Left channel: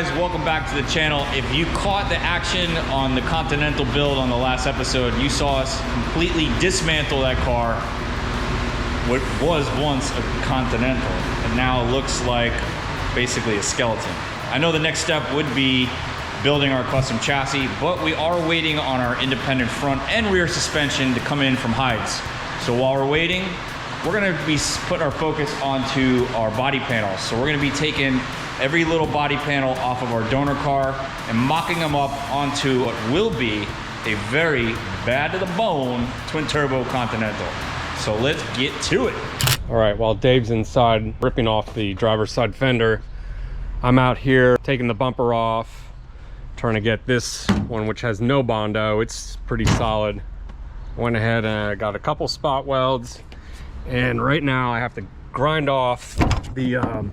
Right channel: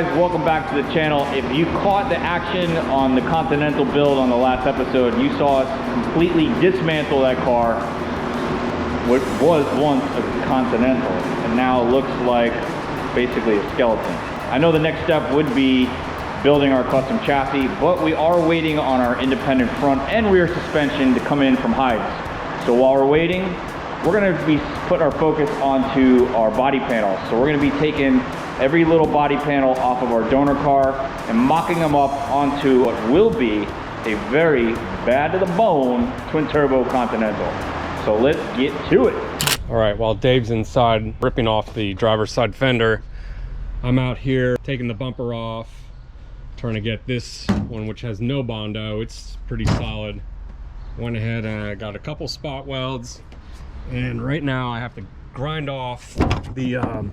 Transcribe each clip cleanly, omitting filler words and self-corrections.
guys, welcome back to the channel. If you caught the action on the Continental build on the last episode, you saw us completely dismantle that car. What was once a Continental and now looks like basically a skeleton. I know the next step would be building our custom chassis, but we are waiting on our independent front and rear suspension to come in from Hides. So while we're waiting, we're gonna be putting our focus onto our body panels. So we're gonna be taking every little body panel off of our donor car and mocking them up onto what will be a very bad to the bone twin turbo Continental. So let's get to it. All right, while Dave's inside ripping off the driver's side fender, I'm out here taking the bumper off, trying to get this one, which has no Bondo. It's pretty solid. Went ahead and I got a couple spot welds, and right now I have to grind off the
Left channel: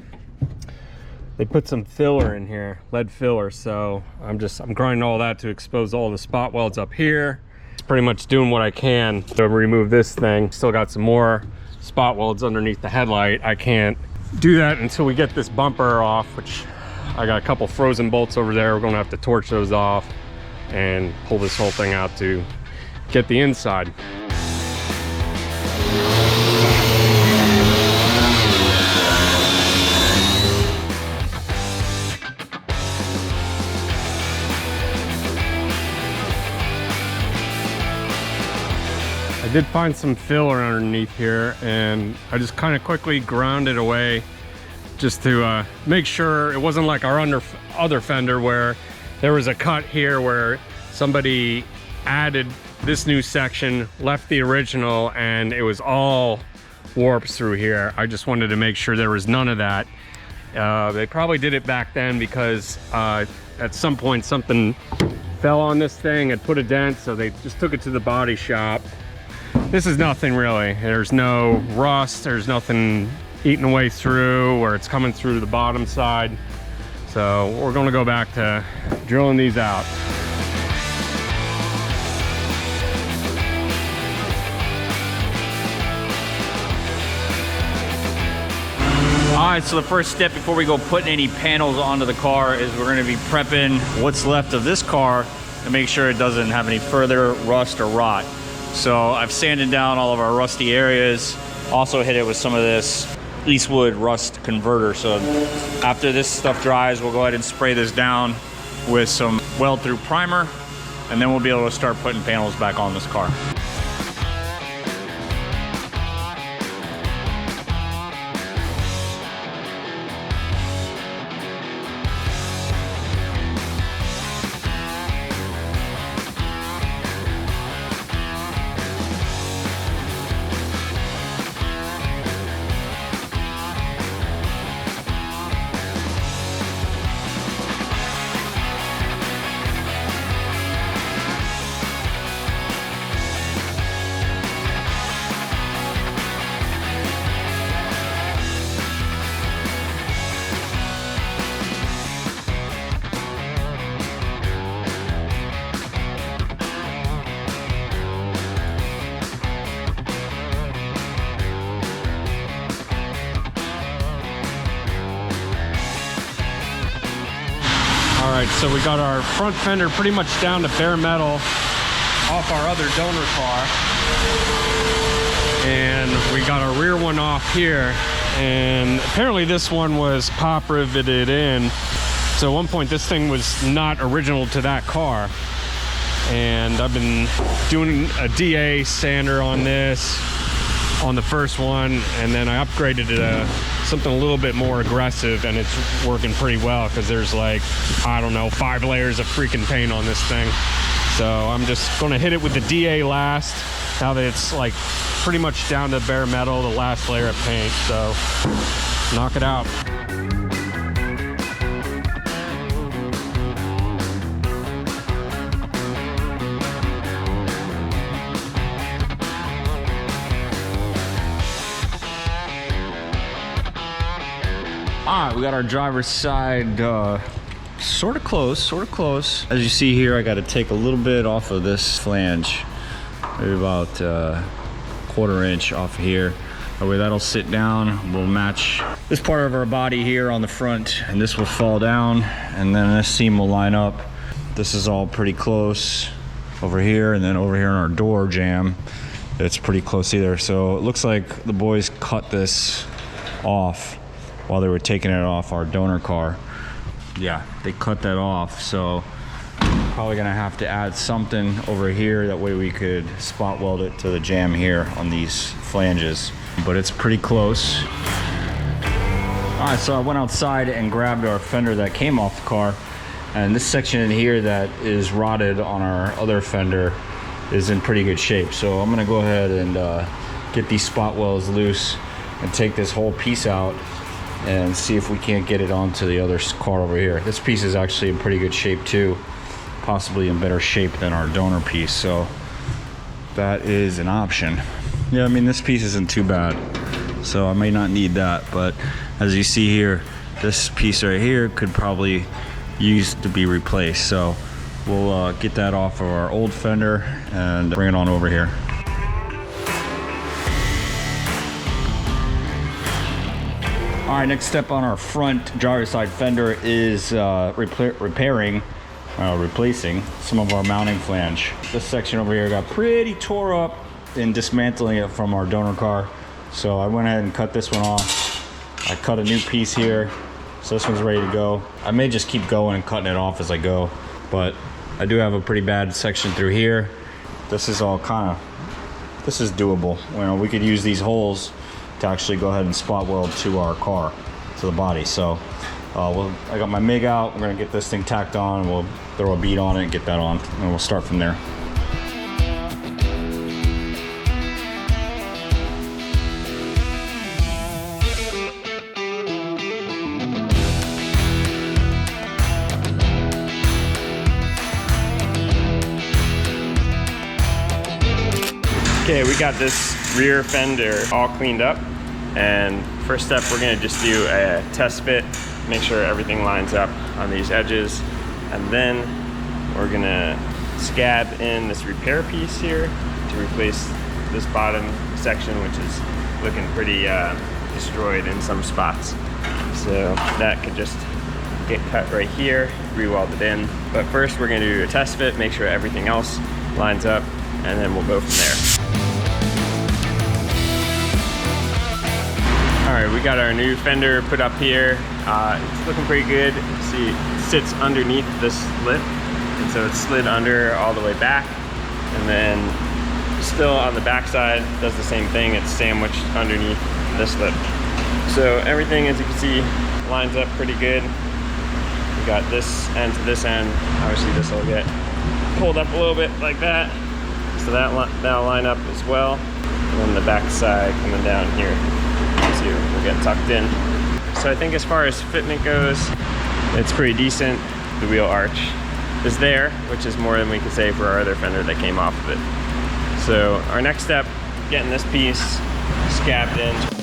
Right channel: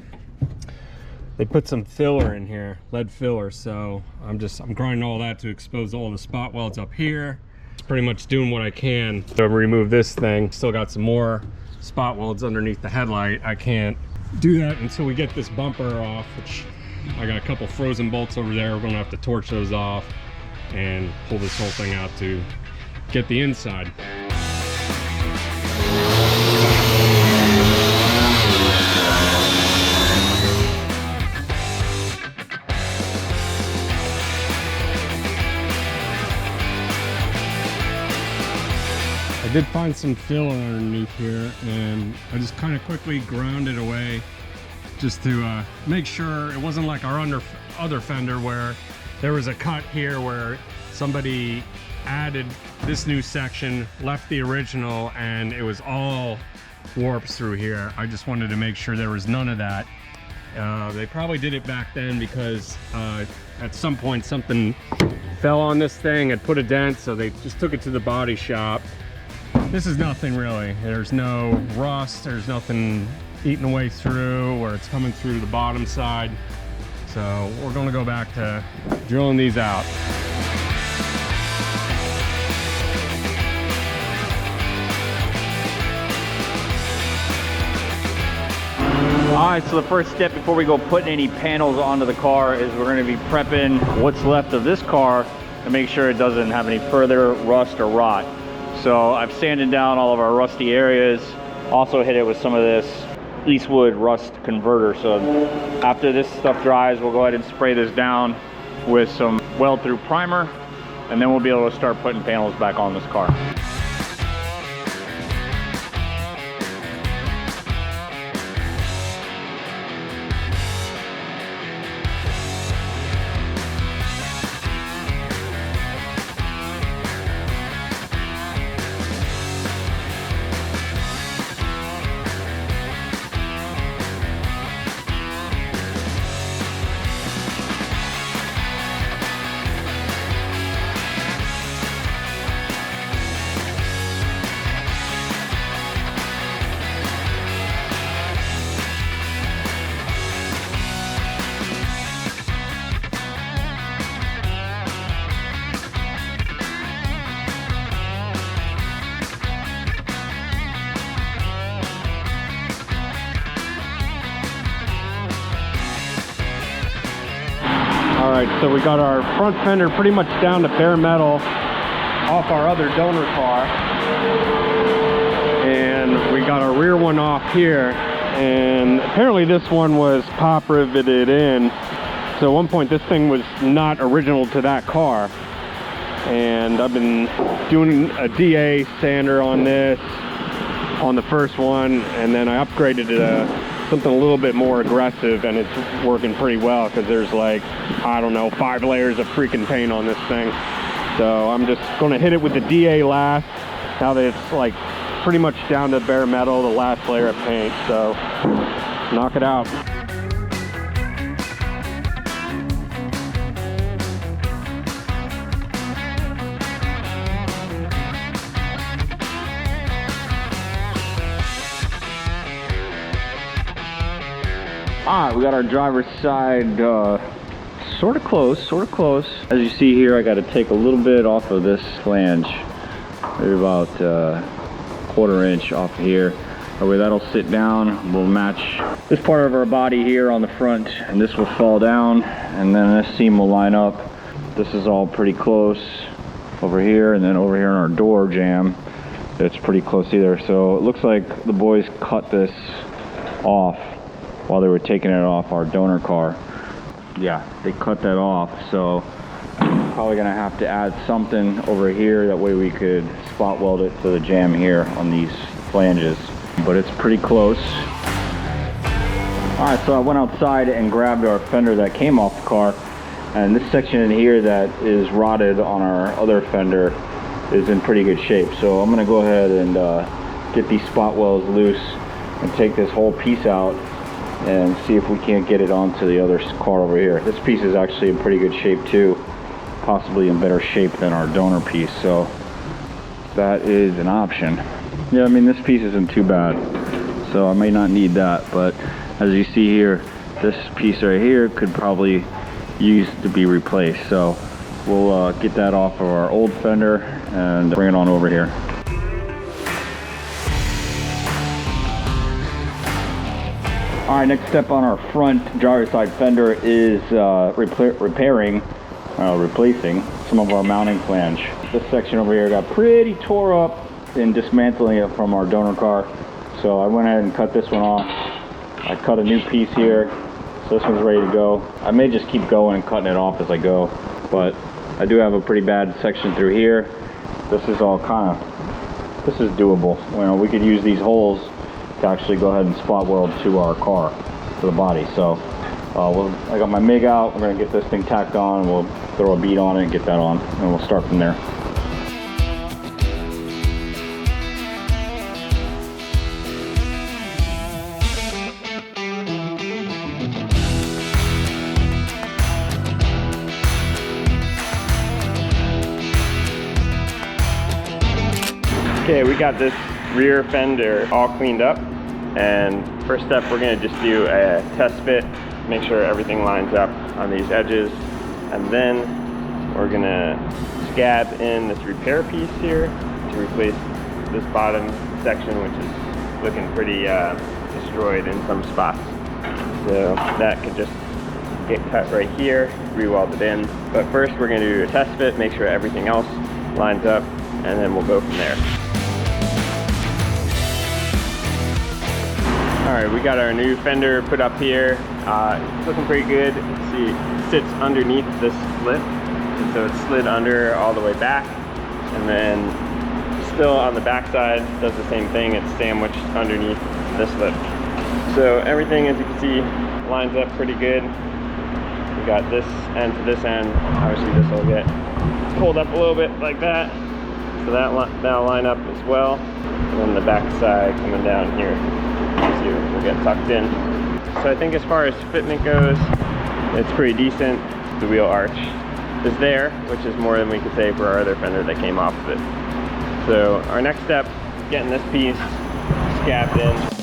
they put some filler in here, lead filler, so I'm grinding all that to expose all the spot welds up here. It's pretty much doing what I can to remove this thing. Still got some more spot welds underneath the headlight. I can't do that until we get this bumper off, which I got a couple frozen bolts over there. We're gonna have to torch those off and pull this whole thing out to get the inside. I did find some filler underneath here, and I just kind of quickly ground it away just to make sure it wasn't like our other fender where there was a cut here where somebody added this new section, left the original, and it was all warps through here. I just wanted to make sure there was none of that. They probably did it back then because at some point something fell on this thing and put a dent, so they just took it to the body shop. This is nothing really. There's no rust, there's nothing eating away through where it's coming through the bottom side. So we're gonna go back to drilling these out. All right, so the first step before we go putting any panels onto the car is we're gonna be prepping what's left of this car to make sure it doesn't have any further rust or rot. So I've sanded down all of our rusty areas, also hit it with some of this Eastwood rust converter. So after this stuff dries, we'll go ahead and spray this down with some weld through primer, and then we'll be able to start putting panels back on this car. All right, so we got our front fender pretty much down to bare metal off our other donor car. And we got our rear one off here. And apparently this one was pop riveted in. So at one point this thing was not original to that car. And I've been doing a DA sander on this, on the first one. And then I upgraded it to something a little bit more aggressive, and it's working pretty well because there's like, I don't know, 5 layers of freaking paint on this thing. So I'm just gonna hit it with the DA last, now that it's like pretty much down to bare metal, the last layer of paint. So knock it out. All right, we got our driver's side sort of close. As you see here, I got to take a little bit off of this flange, maybe about 1/4 inch off of here. That way that'll sit down, we'll match this part of our body here on the front, and this will fall down, and then this seam will line up. This is all pretty close over here, and then over here in our door jamb, it's pretty close either. So it looks like the boys cut this off while they were taking it off our donor car. Yeah, they cut that off, so probably gonna have to add something over here, that way we could spot weld it to the jamb here on these flanges. But it's pretty close. All right, so I went outside and grabbed our fender that came off the car, and this section in here that is rotted on our other fender is in pretty good shape. So I'm gonna go ahead and get these spot welds loose and take this whole piece out and see if we can't get it onto the other car over here. This piece is actually in pretty good shape too, possibly in better shape than our donor piece, so that is an option. Yeah, I mean, this piece isn't too bad, so I may not need that, but as you see here, this piece right here could probably use to be replaced. So we'll get that off of our old fender and bring it on over here. All right, next step on our front driver's side fender is replacing some of our mounting flange. This section over here got pretty tore up in dismantling it from our donor car, so I went ahead and cut this one off. I cut a new piece here, so this one's ready to go. I may just keep going and cutting it off as I go, but I do have a pretty bad section through here. This is all this is doable. You know, we could use these holes to actually go ahead and spot weld to our car, to the body. So I got my MIG out. We're gonna get this thing tacked on, and we'll throw a bead on it and get that on, and we'll start from there. Okay, we got this rear fender all cleaned up, and first step we're gonna just do a test fit, make sure everything lines up on these edges, and then we're gonna scab in this repair piece here to replace this bottom section, which is looking pretty destroyed in some spots. So that could just get cut right here, re-weld it in. But first we're gonna do a test fit, make sure everything else lines up, and then we'll go from there. All right, we got our new fender put up here. It's looking pretty good. See, it sits underneath this lip, and so it's slid under all the way back, and then still on the back side does the same thing. It's sandwiched underneath this lip. So everything, as you can see, lines up pretty good. We got this end to this end. Obviously, this will get pulled up a little bit like that, so that'll line up as well. And then the back side coming down here, will get tucked in. So I think as far as fitment goes, it's pretty decent. The wheel arch is there, which is more than we can say for our other fender that came off of it. So our next step, getting this piece scabbed in.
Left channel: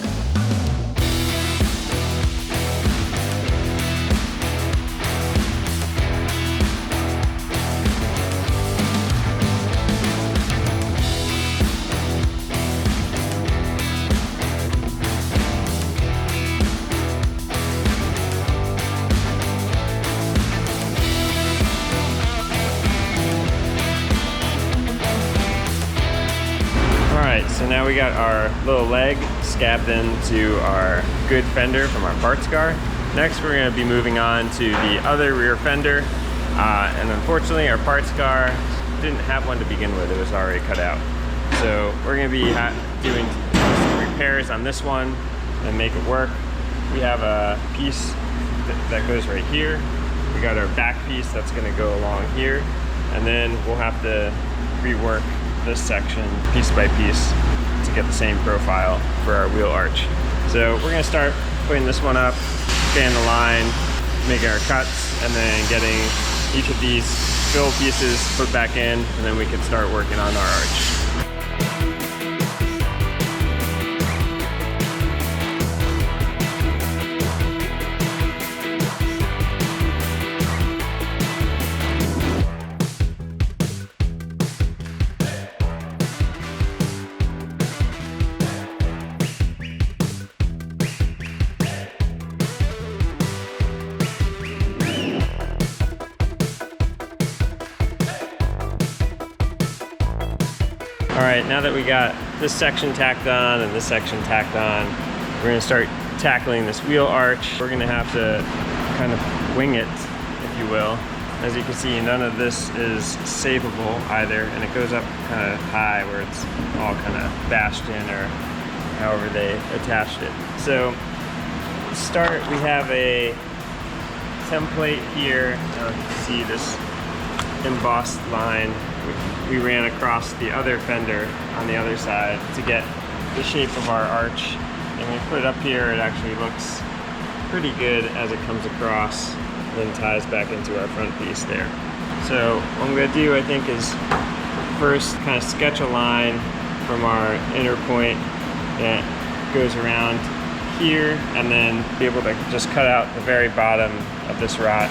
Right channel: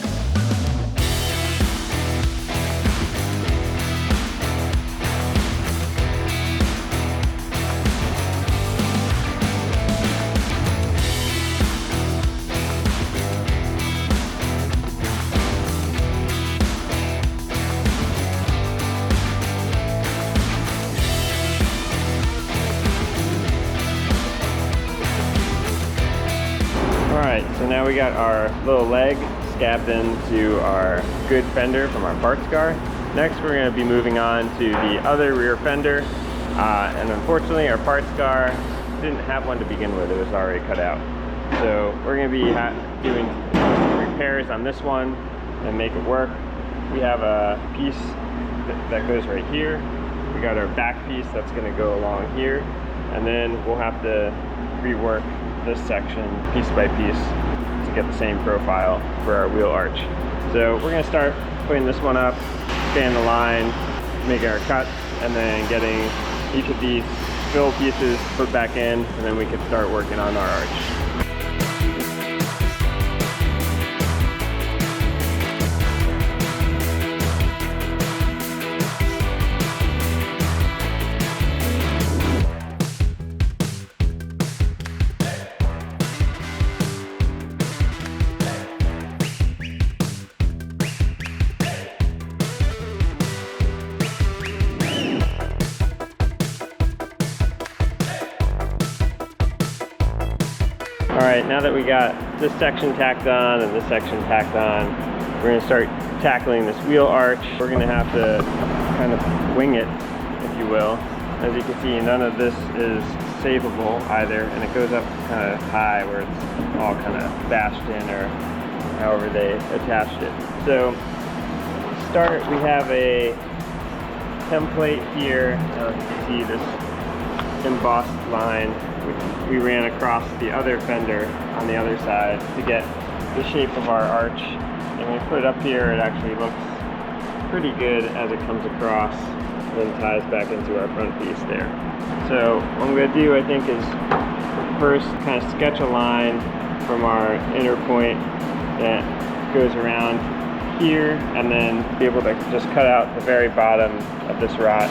So now we got our little leg scabbed into our good fender from our parts car. Next, we're going to be moving on to the other rear fender. And unfortunately, our parts car didn't have one to begin with. It was already cut out. So we're going to be doing some repairs on this one and make it work. We have a piece that goes right here. We got our back piece that's going to go along here. And then we'll have to rework this section piece by piece to get the same profile for our wheel arch. So we're gonna start putting this one up, staying the line, making our cuts, and then getting each of these fill pieces put back in, and then we can start working on our arch. All right, now that we got this section tacked on and this section tacked on, we're gonna start tackling this wheel arch. We're gonna have to kind of wing it, if you will. As you can see, none of this is savable either, and it goes up kind of high where it's all kind of bashed in, or however they attached it. So to start, we have a template here. You can see this embossed line we ran across the other fender on the other side to get the shape of our arch. And when we put it up here, it actually looks pretty good as it comes across and then ties back into our front piece there. So what I'm gonna do, I think, is first kind of sketch a line from our inner point that goes around here, and then be able to just cut out the very bottom of this rot.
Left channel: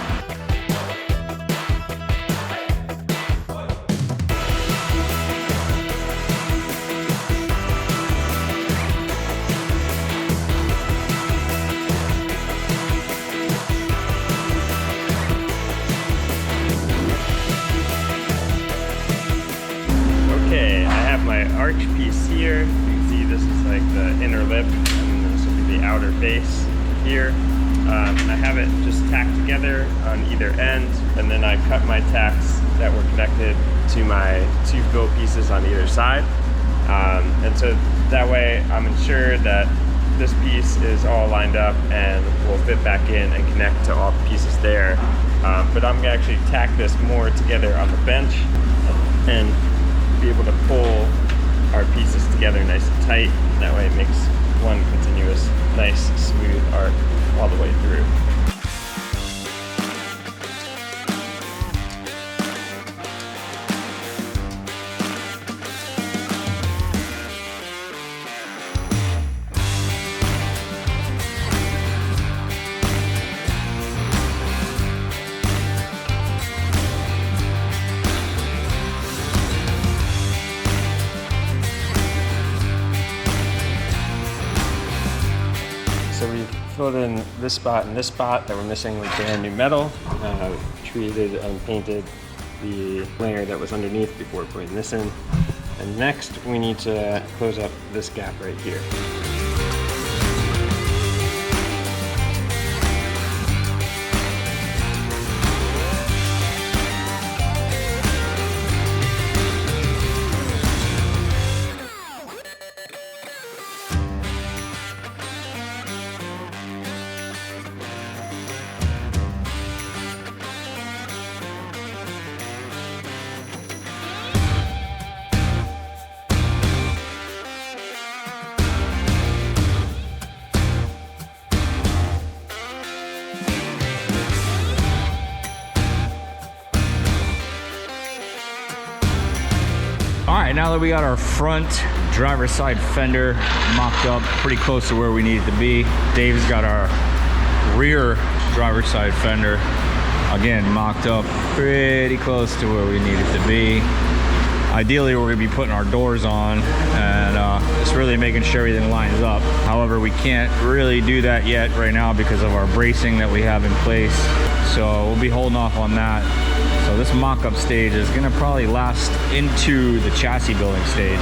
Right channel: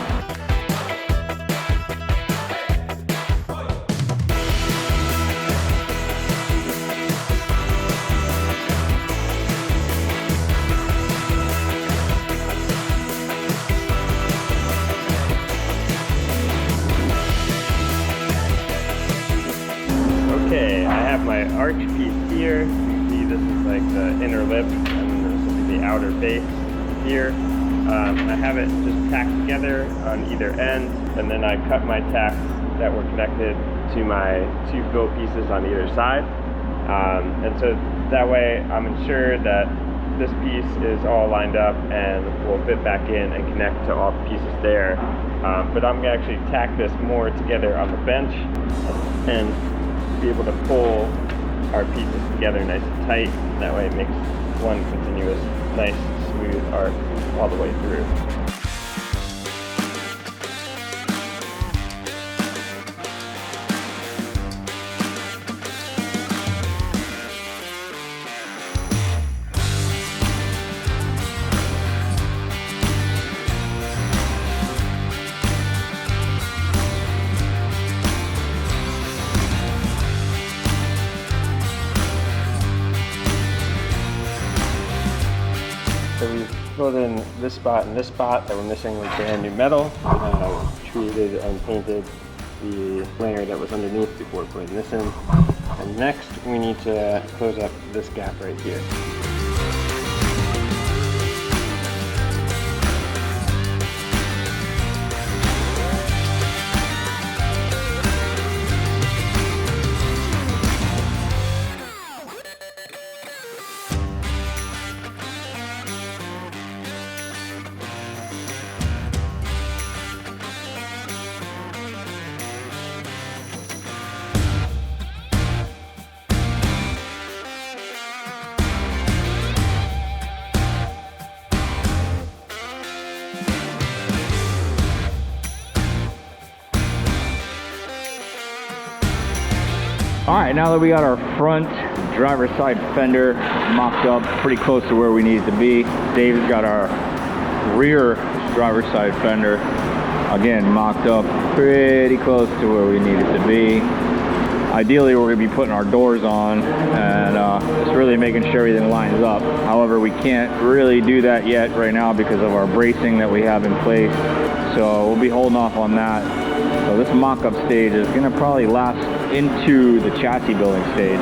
Okay, I have my arch piece here. You can see this is like the inner lip, and this will be the outer base here. I have it just tacked together on either end, and then I cut my tacks that were connected to my two fill pieces on either side. And so that way I'm ensured that this piece is all lined up and will fit back in and connect to all the pieces there. But I'm gonna actually tack this more together on the bench and be able to pull our pieces together nice and tight. That way it makes one continuous, nice, smooth arc all the way through. So we've filled in this spot and this spot that we're missing with brand new metal. Treated and painted the layer that was underneath before putting this in. And next we need to close up this gap right here. All right, now that we got our front driver's side fender mocked up pretty close to where we need it to be, Dave's got our rear driver's side fender, again, mocked up pretty close to where we need it to be. Ideally, we're gonna be putting our doors on and just really making sure everything lines up. However, we can't really do that yet right now because of our bracing that we have in place. So we'll be holding off on that. So this mock-up stage is gonna probably last into the chassis building stage,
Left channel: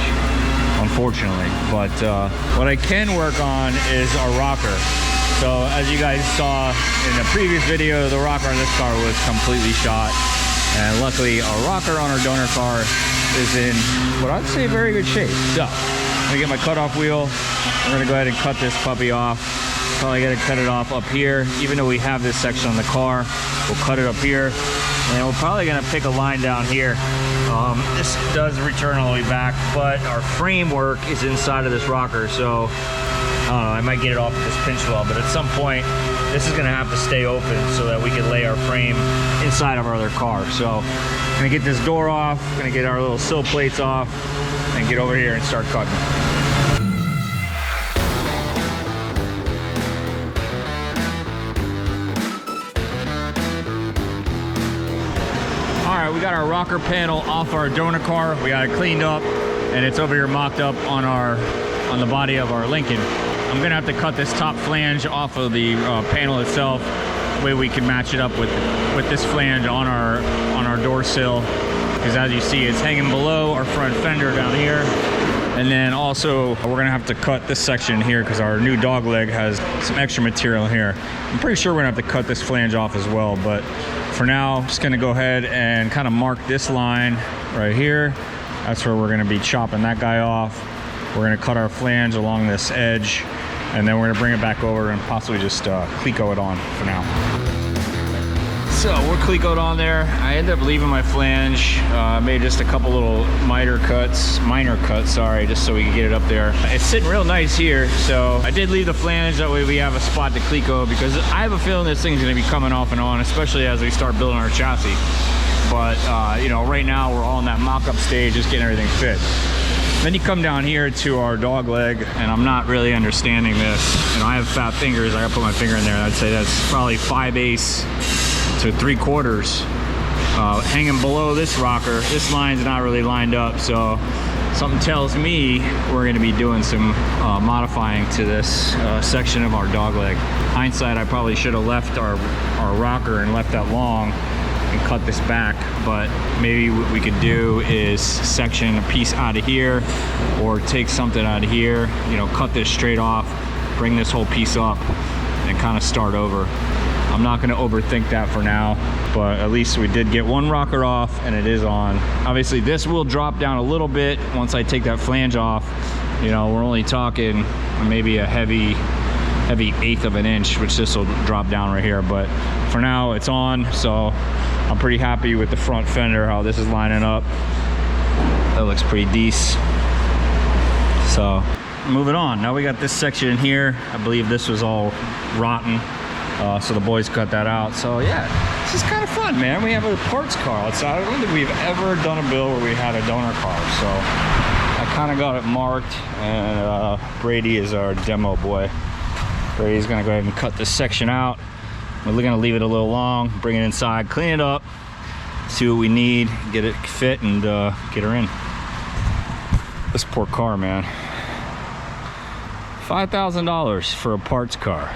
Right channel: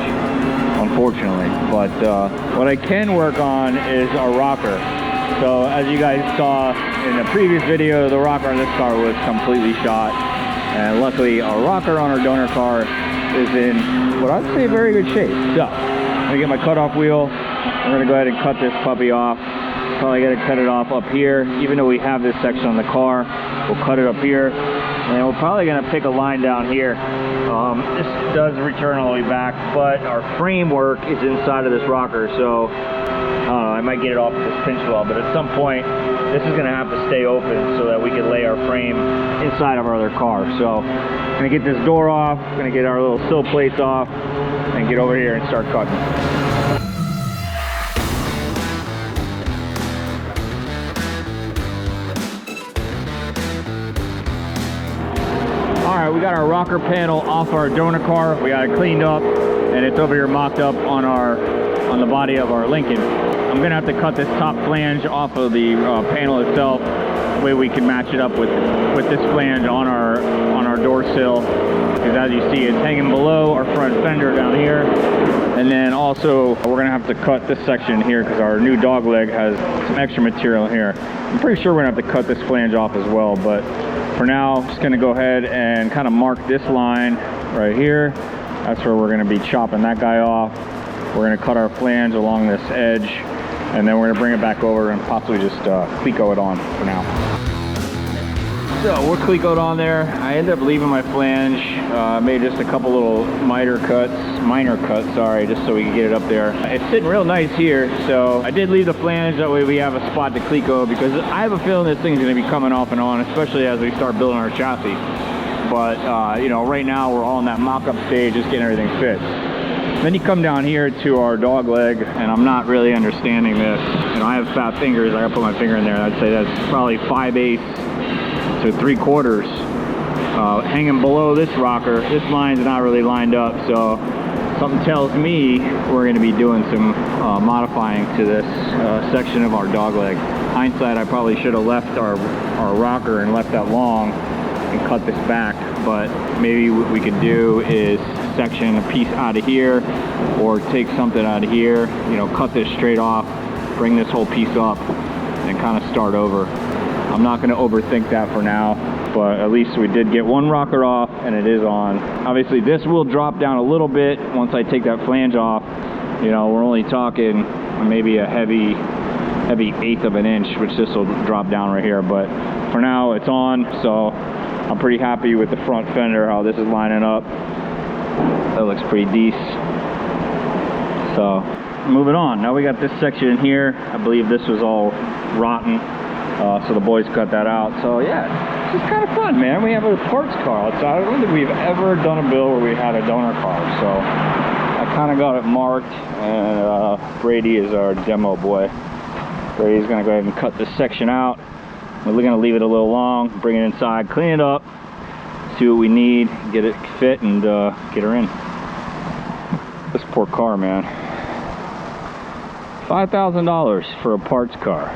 unfortunately. But what I can work on is our rocker. So as you guys saw in the previous video, the rocker on this car was completely shot. And luckily our rocker on our donor car is in what I'd say very good shape. So I'm gonna get my cutoff wheel. I'm gonna go ahead and cut this puppy off. Probably gotta cut it off up here. Even though we have this section on the car, we'll cut it up here. And we're probably gonna pick a line down here. This does return all the way back, but our framework is inside of this rocker. So I don't know, I might get it off with this pinch weld, but at some point, this is gonna have to stay open so that we can lay our frame inside of our other car. So I'm gonna get this door off, gonna get our little sill plates off, and get over here and start cutting. All right, we got our rocker panel off our donor car. We got it cleaned up, and it's over here mocked up on the body of our Lincoln. I'm gonna have to cut this top flange off of the panel itself. That way we can match it up with this flange on our door sill. because as you see, it's hanging below our front fender down here. And then also, we're gonna have to cut this section here because our new dog leg has some extra material here. I'm pretty sure we're gonna have to cut this flange off as well, but for now, just gonna go ahead and kind of mark this line right here. That's where we're gonna be chopping that guy off. We're gonna cut our flange along this edge, and then we're gonna bring it back over and possibly just cleco it on for now. So we're clecoed on there. I ended up leaving my flange. Made just a couple little minor cuts, sorry, just so we could get it up there. It's sitting real nice here, so I did leave the flange. That way we have a spot to cleco, because I have a feeling this thing's gonna be coming off and on, especially as we start building our chassis. But you know, right now we're all in that mock-up stage, just getting everything fit. Then you come down here to our dog leg, and I'm not really understanding this. You know, I have fat fingers. I gotta put my finger in there. I'd say that's probably 5/8 to 3/4 hanging below this rocker. This line's not really lined up, so something tells me we're going to be doing some modifying to this section of our dog leg. Hindsight, I probably should have left our rocker and left that long and cut this back, but maybe what we could do is section a piece out of here, or take something out of here, you know, cut this straight off, bring this whole piece up, and kind of start over. I'm not going to overthink that for now, but at least we did get one rocker off and it is on. Obviously this will drop down a little bit once I take that flange off. You know, we're only talking maybe a heavy 1/8 of an inch, which this will drop down right here, but for now it's on. So I'm pretty happy with the front fender, how this is lining up. That looks pretty decent. So moving on, now we got this section here. I believe this was all rotten. So the boys cut that out. So yeah, this is kind of fun, man. We have a parts car outside. I don't think we've ever done a build where we had a donor car. So I kind of got it marked, and Brady is our demo boy. Brady's gonna go ahead and cut this section out. We're gonna leave it a little long, bring it inside, clean it up, see what we need, get it fit, and get her in. This poor car, man. $5,000 for a parts car.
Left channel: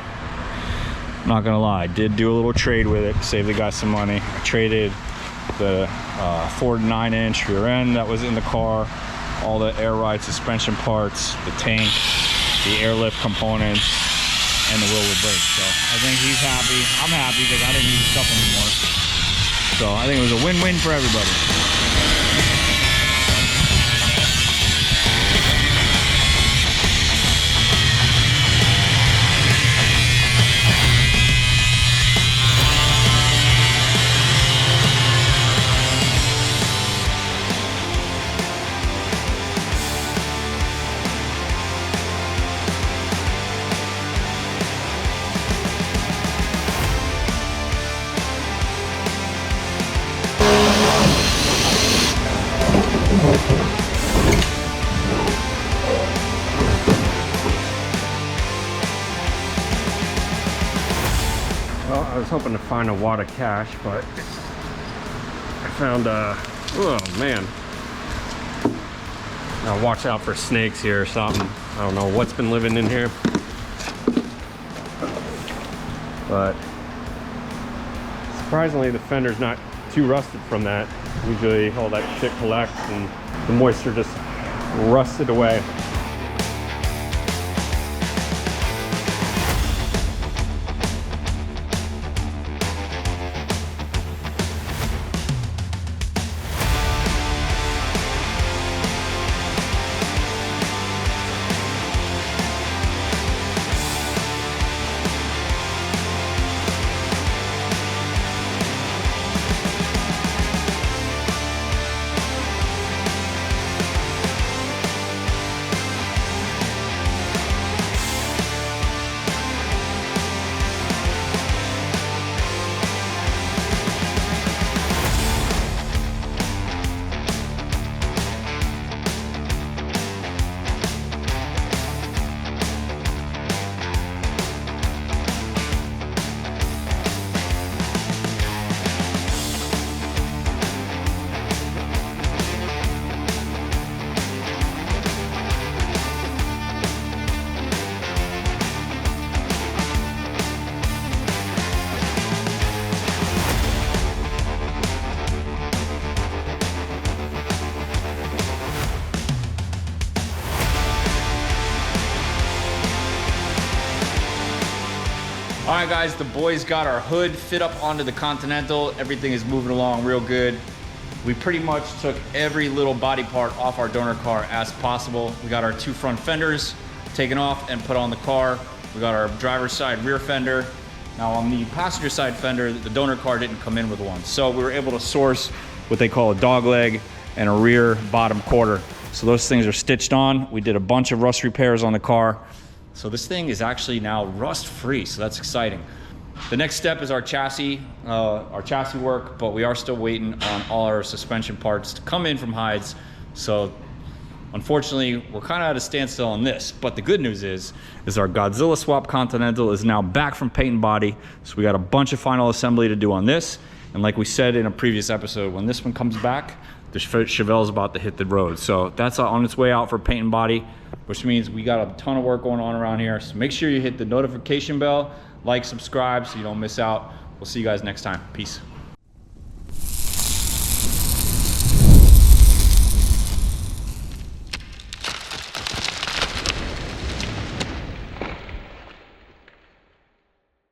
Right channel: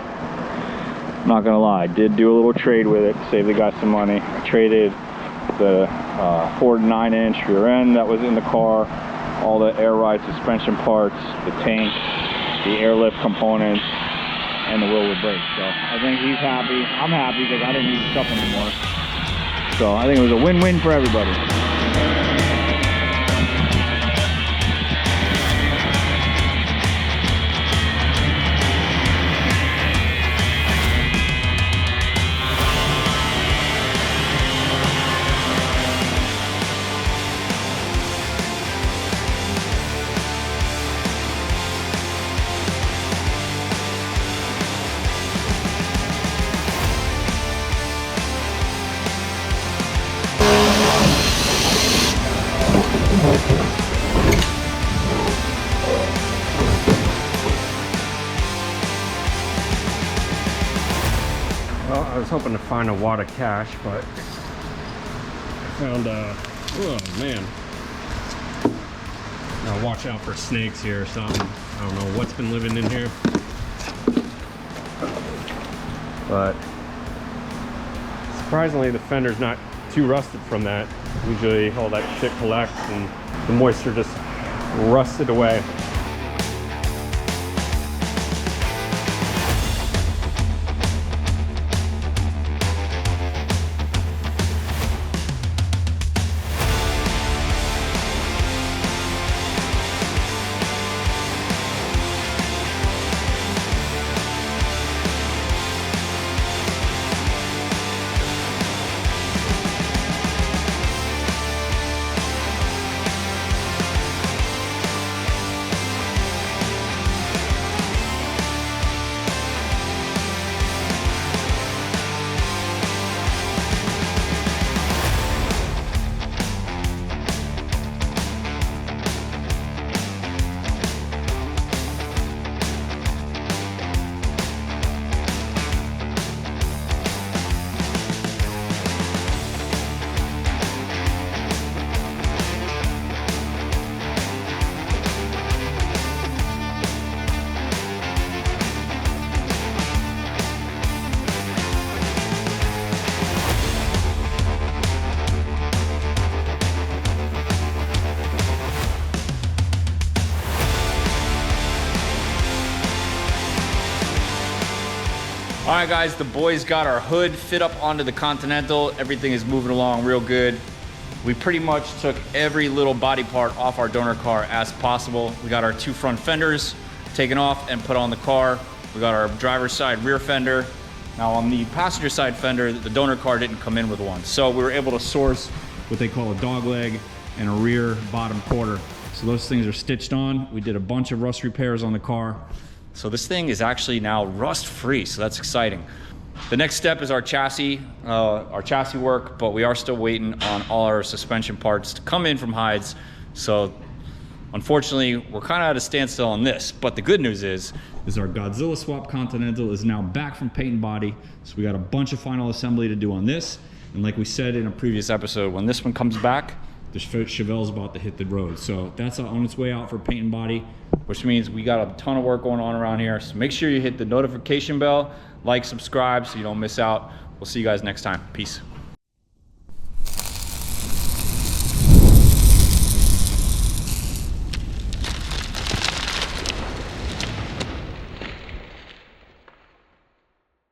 Not gonna lie, I did do a little trade with it, save the guy some money. I traded the Ford 9-inch rear end that was in the car, all the air ride suspension parts, the tank, the airlift components, and the wheel with brakes. So I think he's happy. I'm happy because I didn't need the stuff anymore. So I think it was a win-win for everybody. Well, I was hoping to find a wad of cash, but I found oh man. Now watch out for snakes here or something. I don't know what's been living in here. But surprisingly the fender's not too rusted from that. Usually all that shit collects and the moisture just rusted away. All right, guys, the boys got our hood fit up onto the Continental. Everything is moving along real good. We pretty much took every little body part off our donor car as possible. We got our 2 front fenders taken off and put on the car. We got our driver's side rear fender. Now on the passenger side fender, the donor car didn't come in with one. So we were able to source what they call a dog leg and a rear bottom quarter. So those things are stitched on. We did a bunch of rust repairs on the car. So this thing is actually now rust free, so that's exciting. The next step is our chassis work, but we are still waiting on all our suspension parts to come in from Hides. So unfortunately, we're kind of at a standstill on this, but the good news is our Godzilla swap Continental is now back from paint and body. So we got a bunch of final assembly to do on this. And like we said in a previous episode, when this one comes back, the Chevelle's about to hit the road. So that's on its way out for paint and body, which means we got a ton of work going on around here. So make sure you hit the notification bell, like, subscribe so you don't miss out. We'll see you guys next time. Peace.